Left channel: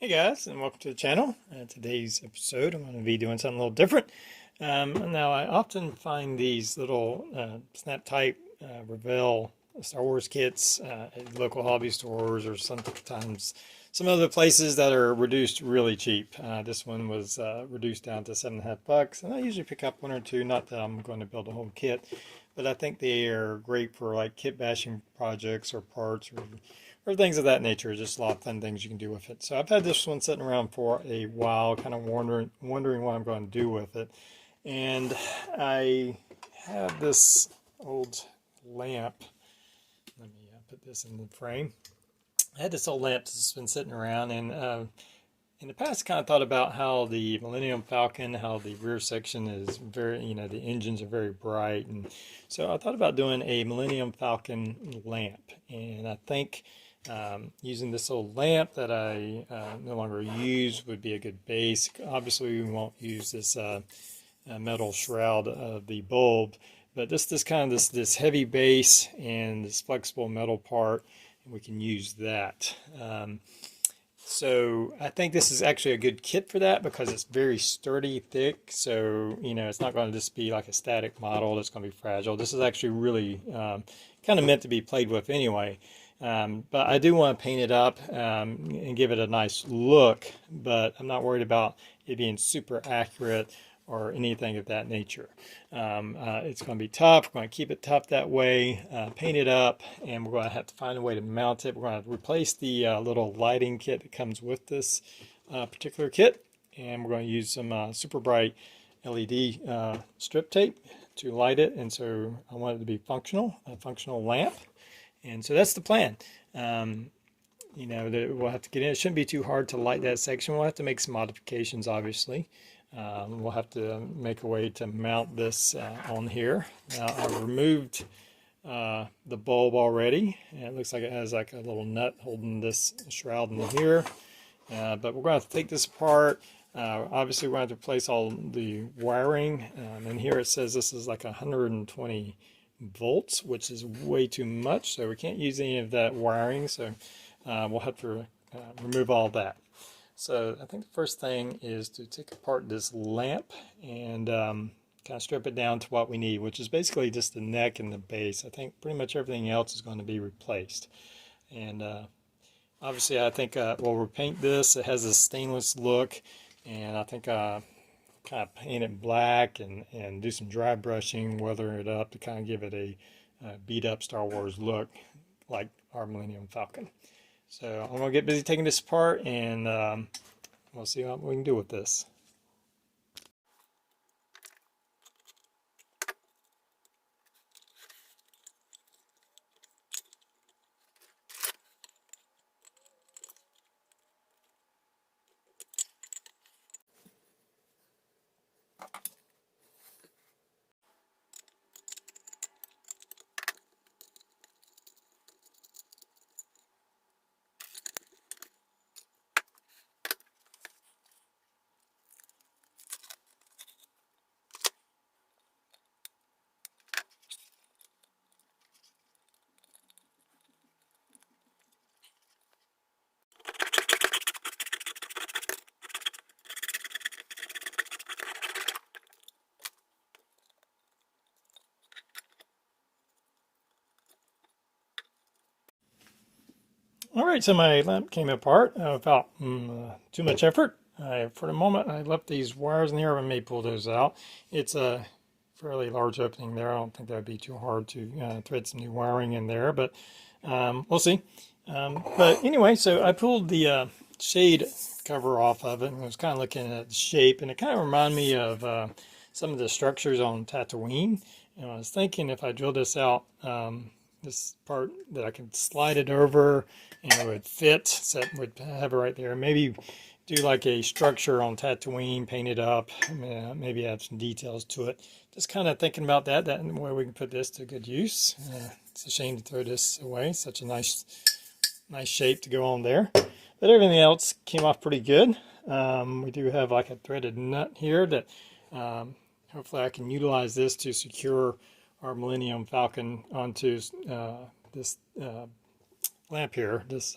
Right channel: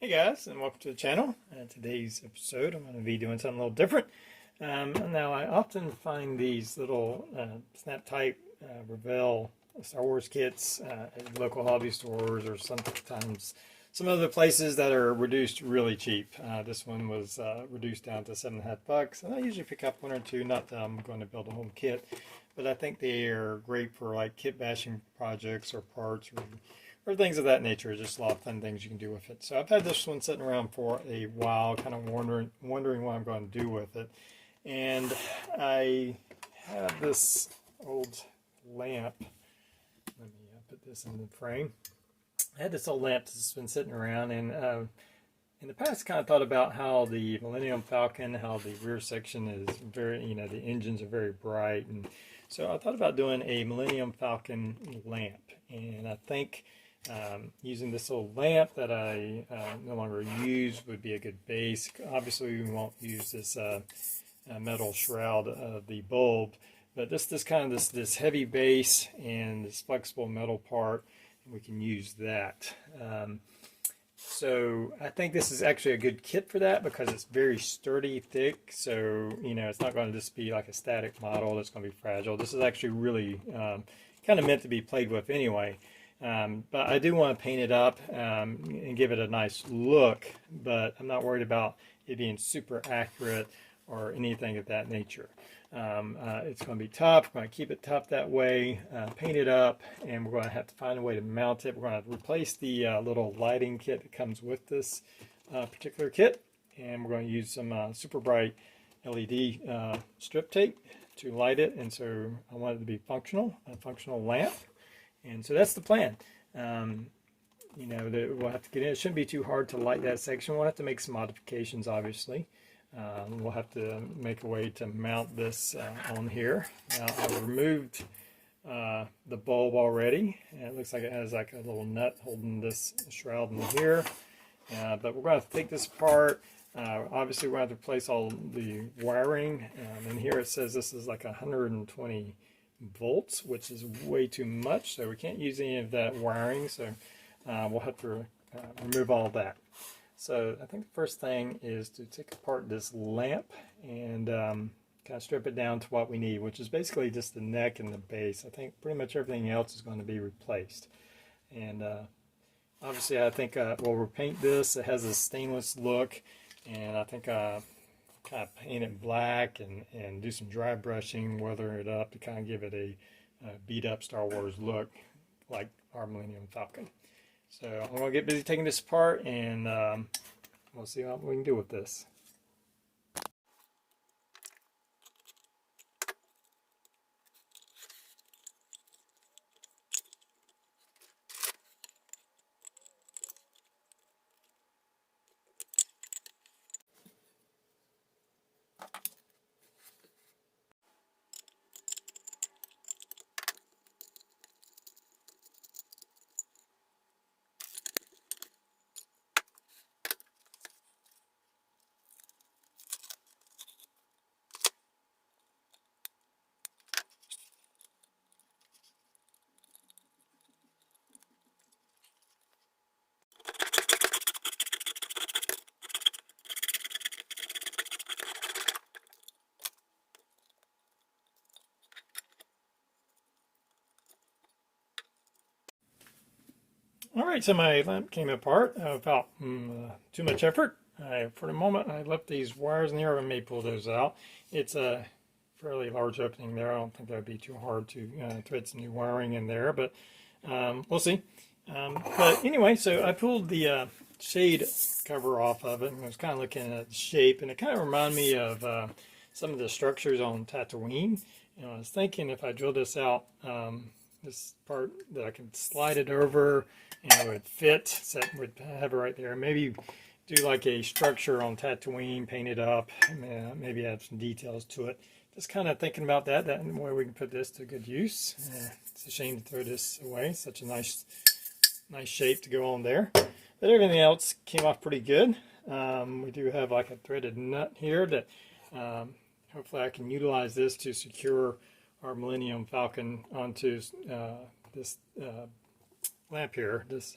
Hey guys, and welcome to the channel. Today's episode, I'm going to be doing something a little different. Now, I often find these little snap type Revell Star Wars kits at local hobby stores or sometimes some other places that are reduced really cheap. This one was reduced down to $7.50, and I usually pick up one or two. Not that I'm going to build a whole kit, but I think they are great for like kit bashing projects or parts or things of that nature. Just a lot of fun things you can do with it. So I've had this one sitting around for a while, kind of wondering what I'm going to do with it. And I have this old lamp. Let me put this in the frame. I had this old lamp that's been sitting around, and in the past, kind of thought about how the Millennium Falcon, how the rear section is very, the engines are very bright, and so I thought about doing a Millennium Falcon lamp, and I think using this old lamp that I no longer use would be a good base. Obviously, we won't use this metal shroud of the bulb, but this kind of this heavy base and this flexible metal part, we can use that. So I think this is actually a good kit for that because it's very sturdy, thick. So, it's not going to just be like a static model that's going to be fragile. This is actually really kind of meant to be played with anyway. But I do want to paint it up and give it a nice look, but I'm not worried about it being super accurate or anything of that nature. It's going to be tough. We're going to keep it tough that way, paint it up, and we're going to have to find a way to mount it. We're going to replace the little lighting kit that comes with this particular kit, and we're going to use some super bright LED strip tape to light it, and so I want it to be functional, a functional lamp. And so that's the plan. We'll have to get in. It shouldn't be too hard to light that section. We'll have to make some modifications, obviously. We'll have to make a way to mount this on here. Now, I've removed the bulb already. And it looks like it has like a little nut holding this shroud in here. But we're going to have to take this apart. Obviously, we're going to have to replace all the wiring. And here it says this is like 120 volts, which is way too much, so we can't use any of that wiring, so we'll have to remove all that. So I think the first thing is to take apart this lamp and kind of strip it down to what we need, which is basically just the neck and the base. I think pretty much everything else is going to be replaced. And obviously I think we'll repaint this. It has a stainless look, and I think kind of paint it black and do some dry brushing, weather it up to kind of give it a beat up Star Wars look like our Millennium Falcon. So I'm going to get busy taking this apart, and we'll see what we can do with this. All right, so my lamp came apart without too much effort. For the moment, I left these wires in here. I may pull those out. It's a fairly large opening there. I don't think that would be too hard to thread some new wiring in there, but we'll see. But anyway, so I pulled the shade cover off of it, and I was kind of looking at the shape, and it kind of reminded me of some of the structures on Tatooine. And I was thinking if I drill this out, this part that I could slide it over and it would fit, so it would have it right there. Maybe do like a structure on Tatooine, paint it up, maybe add some details to it. Just kind of thinking about that way we can put this to good use. It's a shame to throw this away. Such a nice shape to go on there. But everything else came off pretty good. We do have like a threaded nut here that hopefully I can utilize this to secure our Millennium Falcon onto this lamp here, this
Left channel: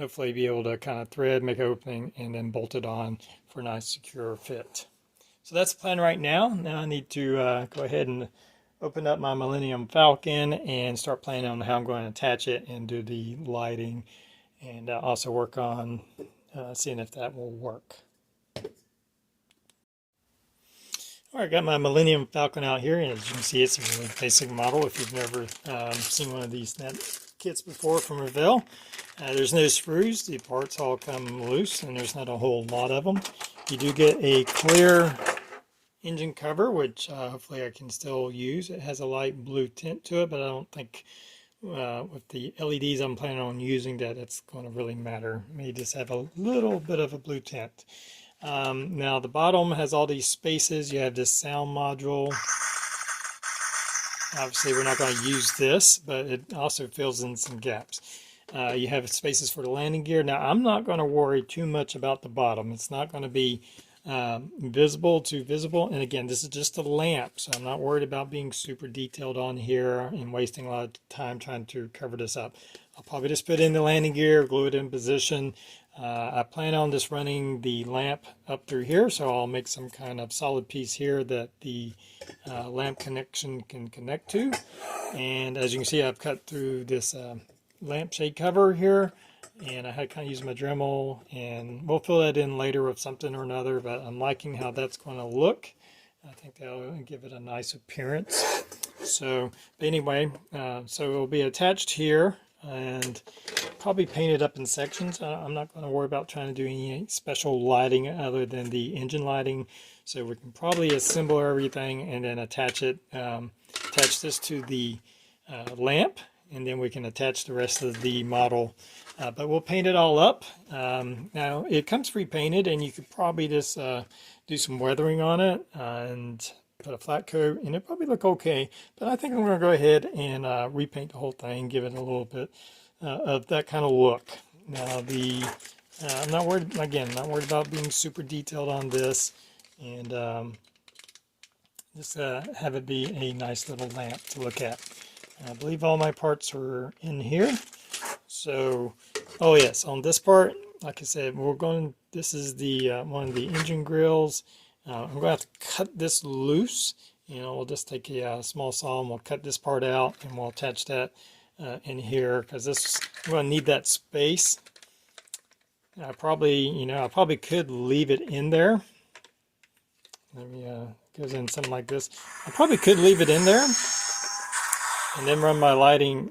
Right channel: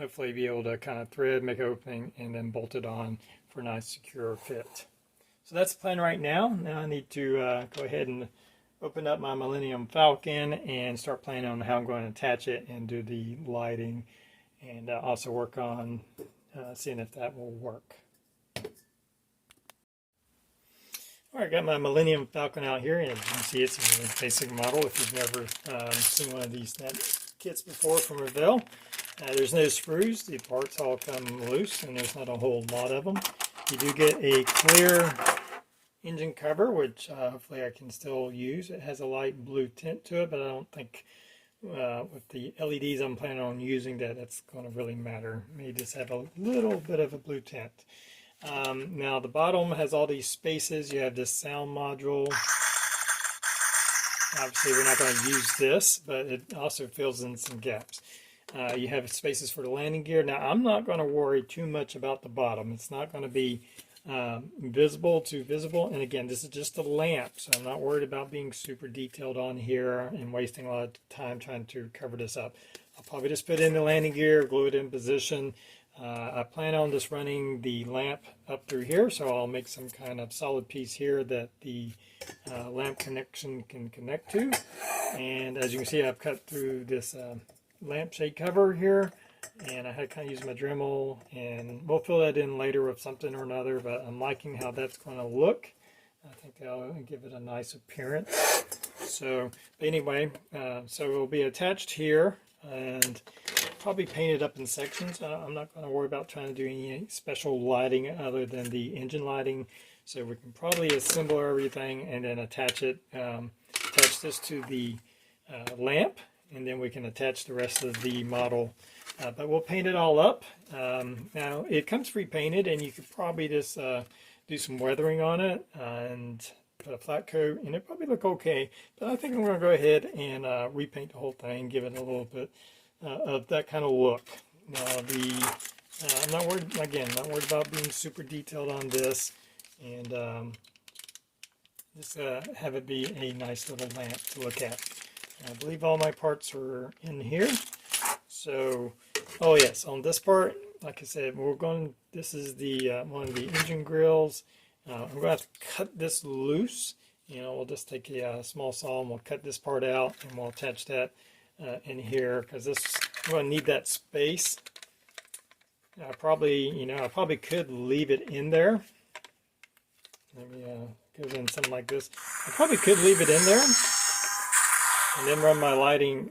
hopefully be able to kind of thread, make an opening, and then bolt it on for a nice secure fit. So that's the plan right now. Now I need to go ahead and open up my Millennium Falcon and start planning on how I'm going to attach it and do the lighting, and also work on seeing if that will work. All right, got my Millennium Falcon out here, and as you can see, it's a really basic model if you've never seen one of these snap kits before from Revell. There's no screws, the parts all come loose, and there's not a whole lot of them. You do get a clear engine cover, which hopefully I can still use. It has a light blue tint to it, but I don't think with the LEDs I'm planning on using that's going to really matter. It may just have a little bit of a blue tint. Now the bottom has all these spaces. You have this sound module. Obviously we're not going to use this, but it also fills in some gaps. You have spaces for the landing gear. Now I'm not going to worry too much about the bottom. It's not going to be visible to visible, and again, this is just a lamp, so I'm not worried about being super detailed on here and wasting a lot of time trying to cover this up. I'll probably just put in the landing gear, glue it in position. I plan on just running the lamp up through here, so I'll make some kind of solid piece here that the lamp connection can connect to. And as you can see, I've cut through this lampshade cover here, and I had kind of used my Dremel, and we'll fill that in later with something or another, but I'm liking how that's going to look. I think that'll give it a nice appearance. So anyway, so it'll be attached here and probably painted up in sections. I'm not going to worry about trying to do any special lighting other than the engine lighting. So we can probably assemble everything and then attach it, attach this to the lamp, and then we can attach the rest of the model. But we'll paint it all up. Now it comes pre-painted, and you could probably just do some weathering on it and put a flat coat, and it'll probably look okay. But I think I'm going to go ahead and repaint the whole thing, give it a little bit of that kind of look. Now I'm not worried, again, not worried about being super detailed on this, and just have it be a nice little lamp to look at. I believe all my parts are in here. So, oh yes, on this part, like I said, this is the one of the engine grills. I'm going to have to cut this loose. We'll just take a small saw and we'll cut this part out, and we'll attach that in here, because we're going to need that space. I probably could leave it in there. Maybe goes in something like this. I probably could leave it in there and then run my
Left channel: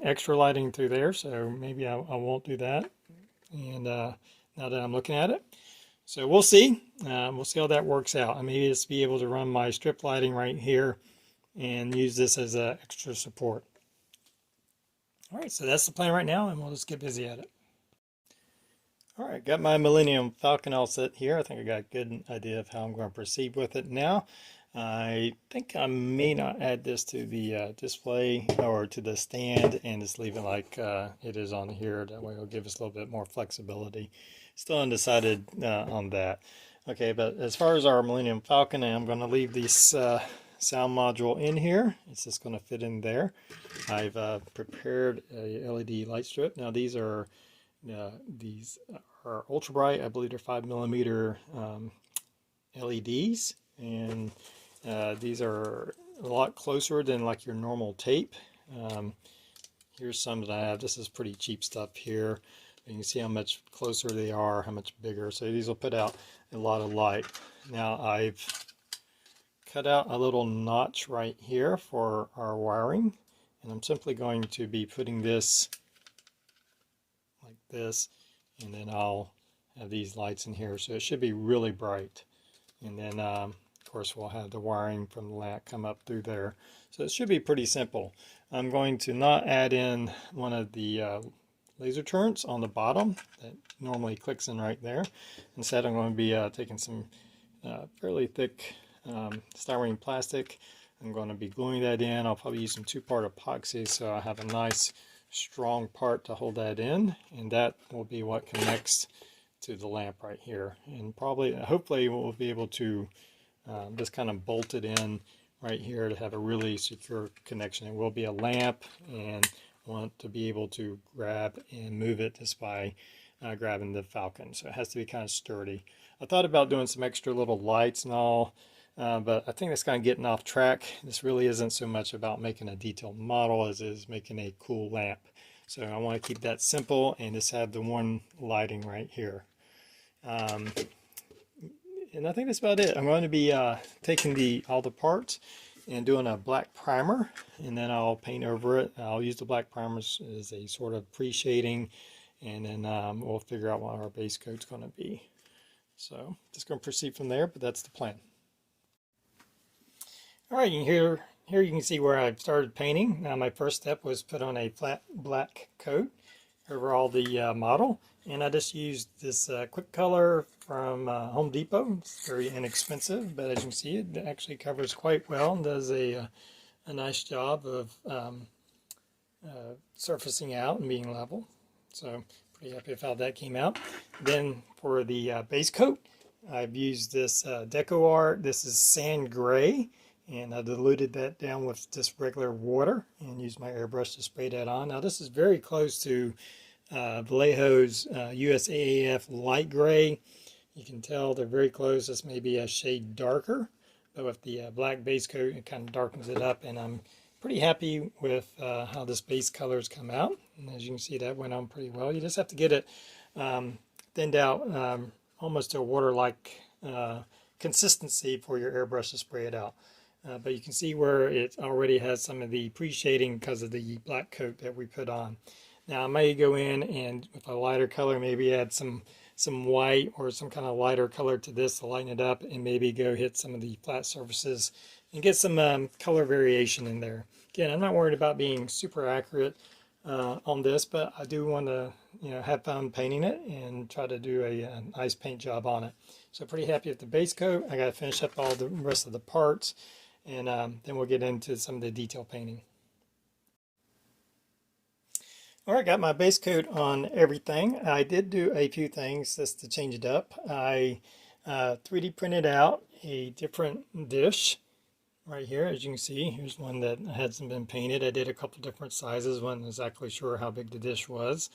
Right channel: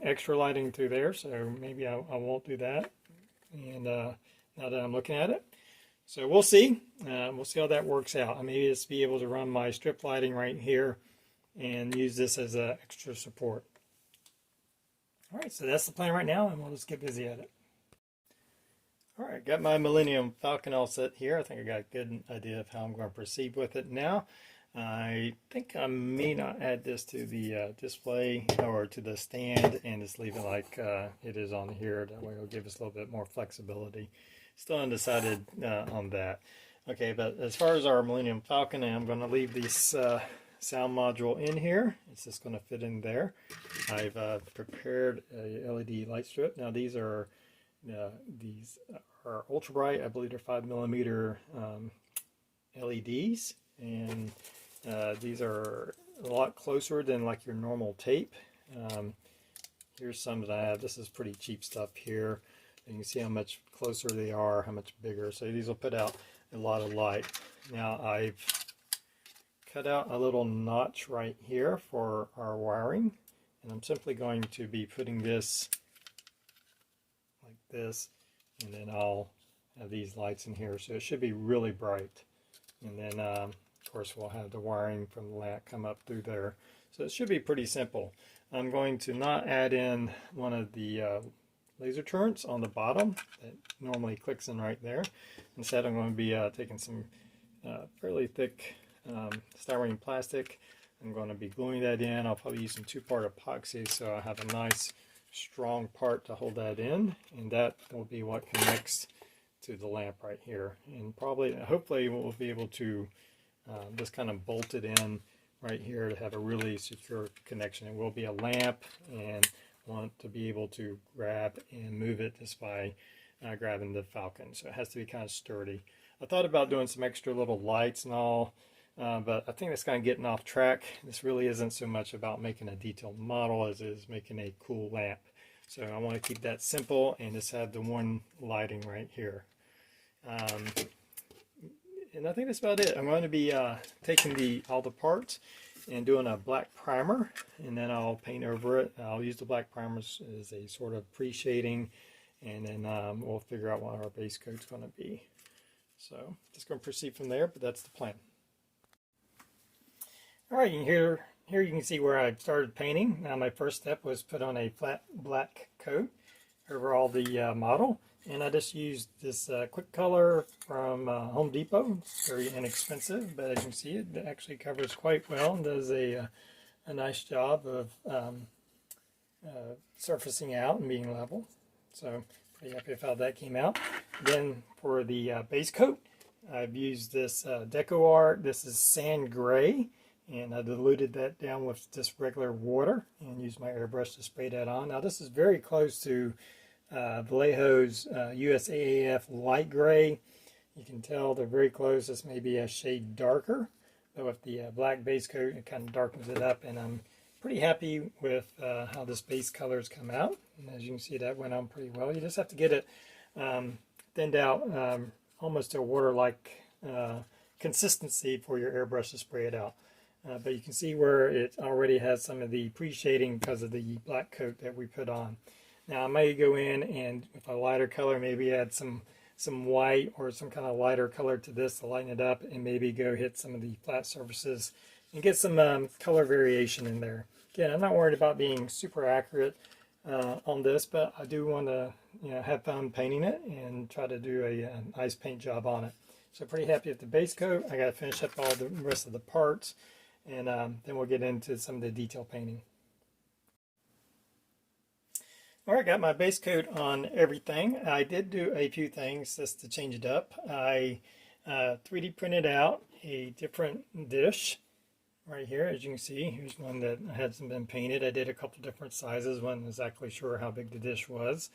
extra lighting through there. So maybe I won't do that. And now that I'm looking at it, so we'll see. We'll see how that works out. I may just be able to run my strip lighting right here and use this as an extra support. All right, so that's the plan right now, and we'll just get busy at it. All right, got my Millennium Falcon all set here. I think I got a good idea of how I'm going to proceed with it now. I think I may not add this to the display or to the stand and just leave it like it is on here. That way it'll give us a little bit more flexibility. Still undecided on that. Okay, but as far as our Millennium Falcon, I'm going to leave this sound module in here. It's just going to fit in there. I've prepared a LED light strip. Now these are ultra bright. I believe they're 5mm LEDs, and these are a lot closer than like your normal tape. Here's some that I have. This is pretty cheap stuff here. And you can see how much closer they are, how much bigger. So these will put out a lot of light. Now I've cut out a little notch right here for our wiring, and I'm simply going to be putting this like this, and then I'll have these lights in here, so it should be really bright. And then of course we'll have the wiring from the lamp come up through there, so it should be pretty simple. I'm going to not add in one of the laser turrets on the bottom that normally clicks in right there. Instead I'm going to be taking some fairly thick styrene plastic. I'm going to be gluing that in. I'll probably use some 2-part epoxy, so I have a nice strong part to hold that in, and that will be what connects to the lamp right here. And hopefully we'll be able to just kind of bolt it in right here to have a really secure connection. It will be a lamp, and I want to be able to grab and move it just by grabbing the Falcon. So it has to be kind of sturdy. I thought about doing some extra little lights and all, but I think that's kind of getting off track. This really isn't so much about making a detailed model as it is making a cool lamp. So I want to keep that simple and just have the one lighting right here. And I think that's about it. I'm going to be taking all the parts and doing a black primer, and then I'll paint over it. I'll use the black primers as a sort of pre-shading, and then we'll figure out what our base coat's going to be. So just going to proceed from there, but that's the plan. All right, here you can see where I've started painting. Now my first step was put on a flat black coat over all the model, and I just used this quick color from Home Depot. It's very inexpensive, but as you can see, it actually covers quite well and does a nice job of surfacing out and being level. So pretty happy with how that came out. Then for the base coat, I've used this Deco Art. This is sand gray, and I diluted that down with just regular water and used my airbrush to spray that on. Now this is very close to Vallejo's USAAF light gray. You can tell they're very close. This may be a shade darker, but with the black base coat, it kind of darkens it up, and I'm pretty happy with how this base colors come out. And as you can see, that went on pretty well. You just have to get it thinned out almost to a water-like consistency for your airbrush to spray it out. But you can see where it already has some of the pre-shading because of the black coat that we put on. Now I may go in and with a lighter color, maybe add some white or some kind of lighter color to this to lighten it up, and maybe go hit some of the flat surfaces and get some color variation in there. Again, I'm not worried about being super accurate on this, but I do want to have fun painting it and try to do a nice paint job on it. So pretty happy with the base coat. I got to finish up all the rest of the parts, and then we'll get into some of the detail painting. All right, got my base coat on everything. I did do a few things just to change it up. I 3D printed out a different dish right here. As you can see, here's one that hasn't been painted. I did a couple different sizes. Wasn't exactly sure how big the dish was.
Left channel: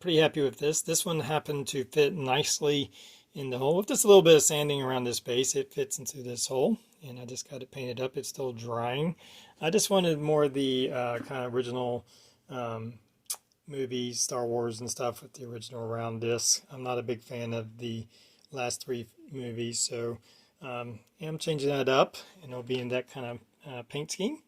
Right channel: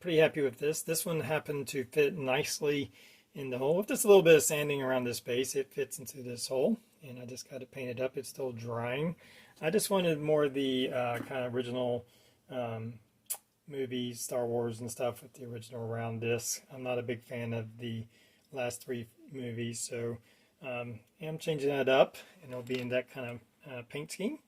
Pretty happy with this. This one happened to fit nicely in the hole. With just a little bit of sanding around this base, it fits into this hole, and I just got it painted up. It's still drying. I just wanted more of the kind of original movies, Star Wars and stuff with the original round disc. I'm not a big fan of the last 3 movies, so I'm changing that up, and it'll be in that kind of paint scheme.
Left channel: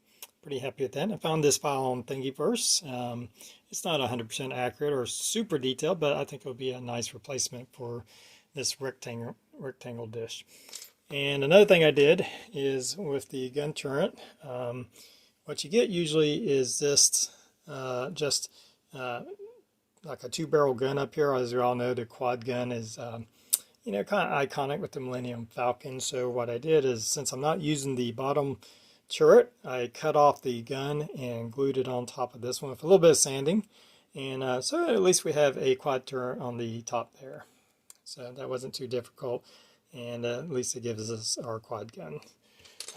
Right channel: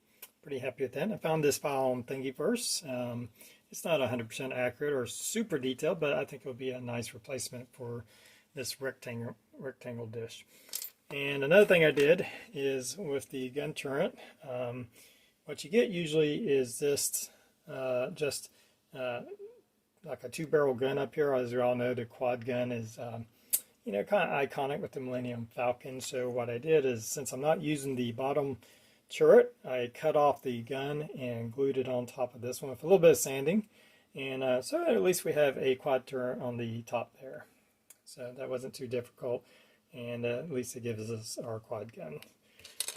Pretty happy with that. I found this file on Thingiverse. It's not 100% accurate or super detailed, but I think it'll be a nice replacement for this rectangle dish. And another thing I did is with the gun turret, what you get usually is this just like a 2-barrel gun up here. As you all know, the quad gun is kind of iconic with the Millennium Falcon. So what I did is, since I'm not using the bottom turret, I cut off the gun and glued it on top of this one with a little bit of sanding, and so at least we have a quad turret on the top there. So that wasn't too difficult, and at least it gives us our quad gun.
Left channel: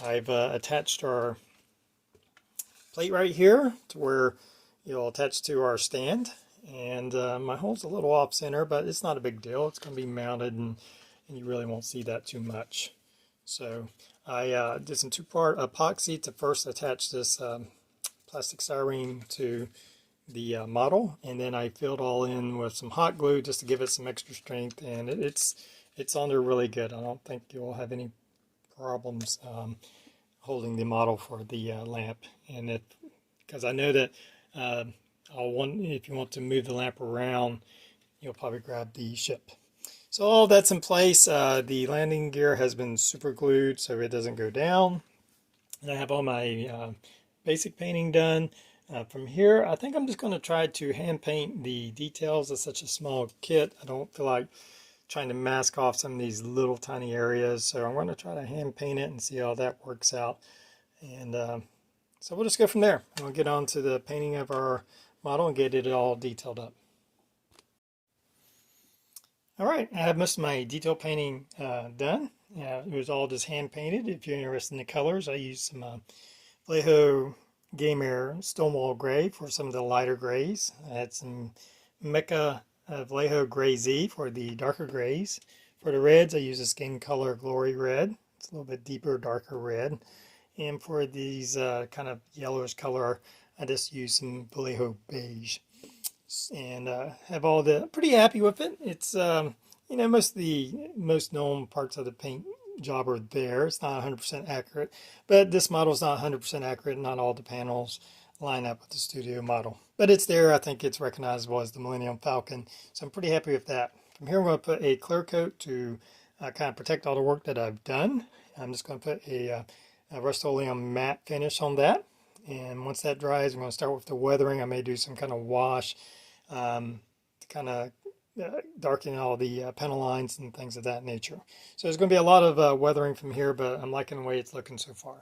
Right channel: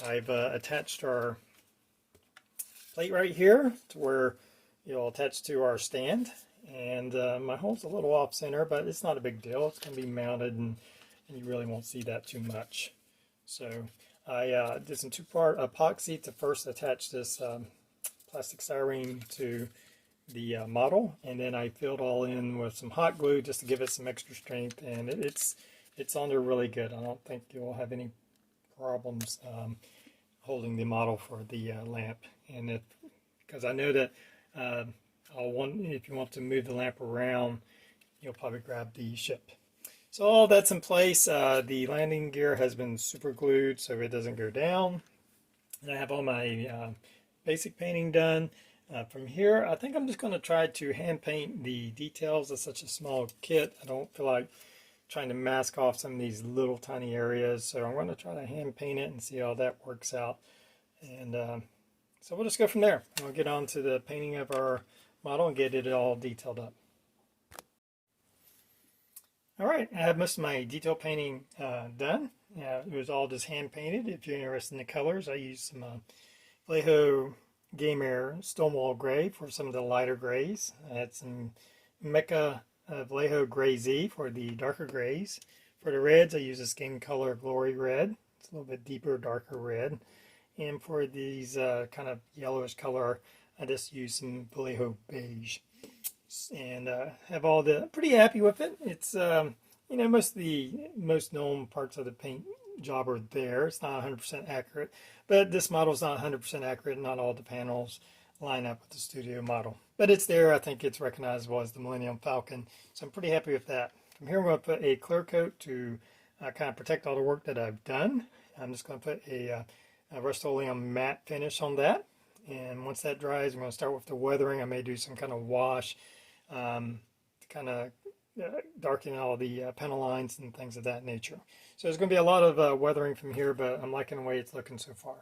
I've attached our plate right here to where it'll attach to our stand, and my hole's a little off center, but it's not a big deal. It's going to be mounted, and you really won't see that too much. So I did some 2-part epoxy to first attach this plastic styrene to the model, and then I filled all in with some hot glue just to give it some extra strength, and it's on there really good. I don't think you'll have any problems holding the model for the lamp, and because I know that if you want to move the lamp around, you'll probably grab the ship. So all that's in place. The landing gear has been super glued so it doesn't go down. And I have all my basic painting done. From here, I think I'm just going to try to hand paint the details. It's such a small kit. I don't feel like trying to mask off some of these little tiny areas. So I'm going to try to hand paint it and see how that works out. And so we'll just go from there. We'll get on to the painting of our model and get it all detailed up. All right, I have most of my detail painting done. It was all just hand painted. If you're interested in the colors, I used some Vallejo Game Air Stonewall Gray for some of the lighter grays. I had some Mecha Vallejo Gray Z for the darker grays. For the reds, I use a Skin Color Glory Red. It's a little bit deeper, darker red. And for these kind of yellowish color, I just use some Vallejo Beige. And have all the, pretty happy with it. It's, you know, most of the most known parts of the paint job are there. It's not 100% accurate, but this model is not 100% accurate. Not all the panels line up with the studio model, but it's there. I think it's recognizable as the Millennium Falcon, so I'm pretty happy with that. From here, I'm going to put a clear coat to kind of protect all the work that I've done. I'm just going to put a Rust-Oleum matte finish on that, and once that dries, I'm going to start with the weathering. I may do some kind of wash to kind of darken all the panel lines and things of that nature. So there's going to be a lot of weathering from here, but I'm liking the way it's looking so far.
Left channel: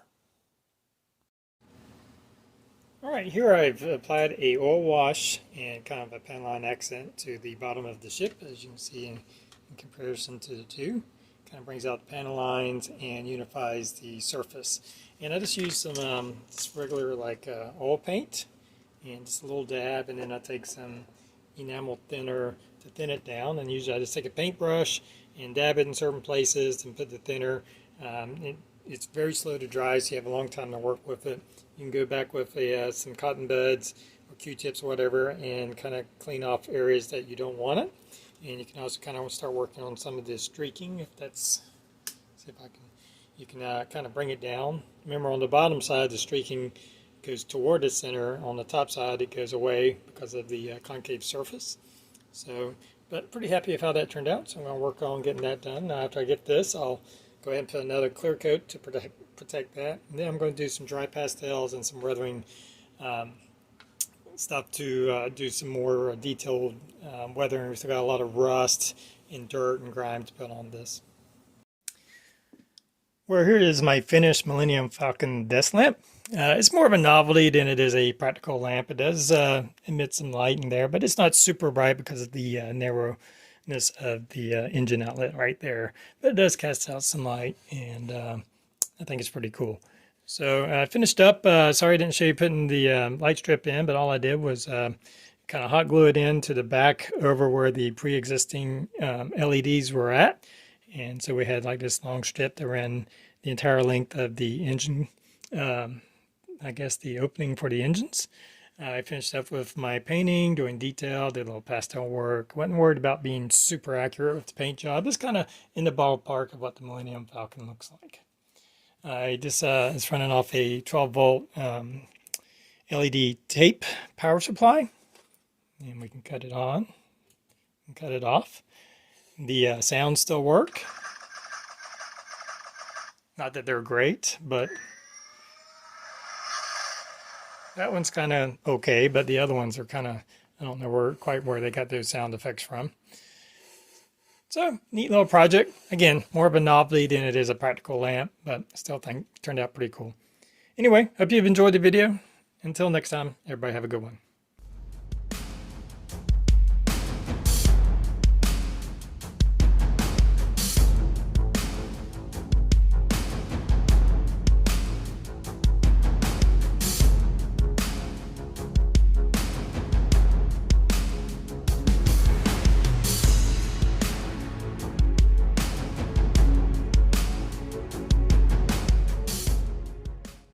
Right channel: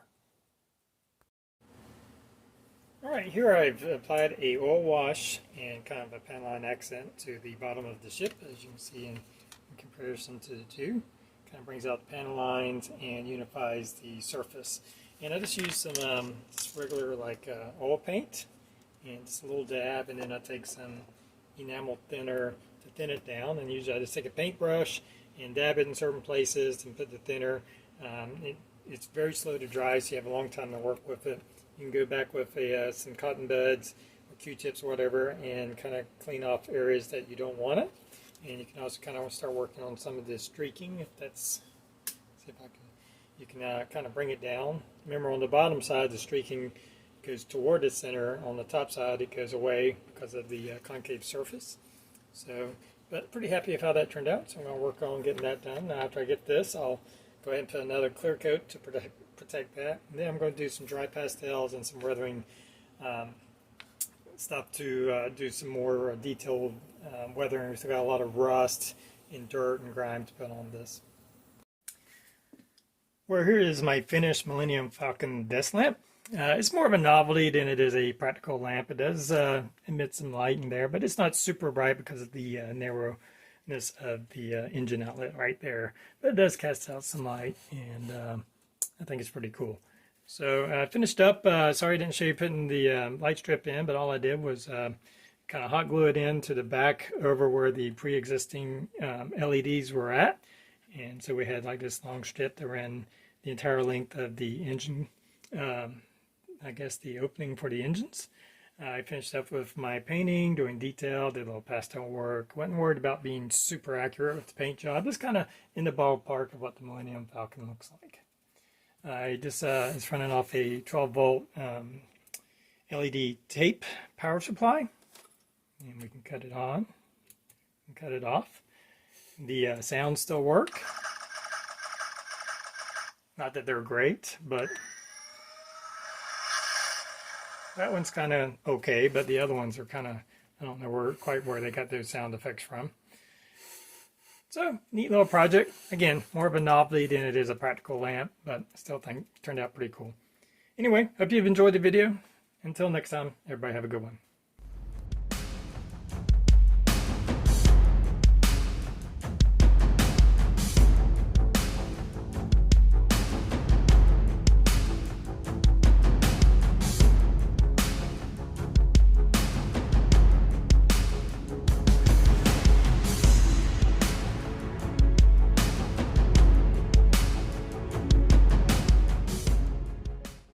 Alright, here I've applied a oil wash and kind of a panel line accent to the bottom of the ship, as you can see in comparison to the two. Kind of brings out the panel lines and unifies the surface. And I just use some just regular like oil paint and just a little dab, and then I take some enamel thinner to thin it down. And usually I just take a paintbrush and dab it in certain places and put the thinner. It's very slow to dry, so you have a long time to work with it. You can go back with some cotton buds or Q-tips or whatever and kind of clean off areas that you don't want it. And you can also kind of start working on some of the streaking, if that's, see if I can, you can kind of bring it down. Remember, on the bottom side, the streaking goes toward the center. On the top side, it goes away because of the concave surface. So, but pretty happy with how that turned out, so I'm going to work on getting that done. Now, after I get this, I'll go ahead and put another clear coat to protect that. And then I'm going to do some dry pastels and some weathering stuff to do some more detailed weathering. We've still got a lot of rust and dirt and grime to put on this. Well, here is my finished Millennium Falcon desk lamp. It's more of a novelty than it is a practical lamp. It does emit some light in there, but it's not super bright because of the narrowness of the engine outlet right there. But it does cast out some light, and I think it's pretty cool. So I finished up. Sorry I didn't show you putting the light strip in, but all I did was kind of hot glue it in to the back over where the pre-existing LEDs were at. And so we had like this long strip that ran the entire length of the engine, I guess the opening for the engines. I finished up with my painting, doing detail, did a little pastel work. Wasn't worried about being super accurate with the paint job. Just kind of in the ballpark of what the Millennium Falcon looks like. I just is running off a 12-volt LED tape power supply. And we can cut it on and cut it off. The sounds still work. Not that they're great, but that one's kind of okay, but the other ones are kind of, I don't know quite where they got those sound effects from. So, neat little project. Again, more of a novelty than it is a practical lamp, but I still think it turned out pretty cool. Anyway, hope you've enjoyed the video. Until next time, everybody have a good one.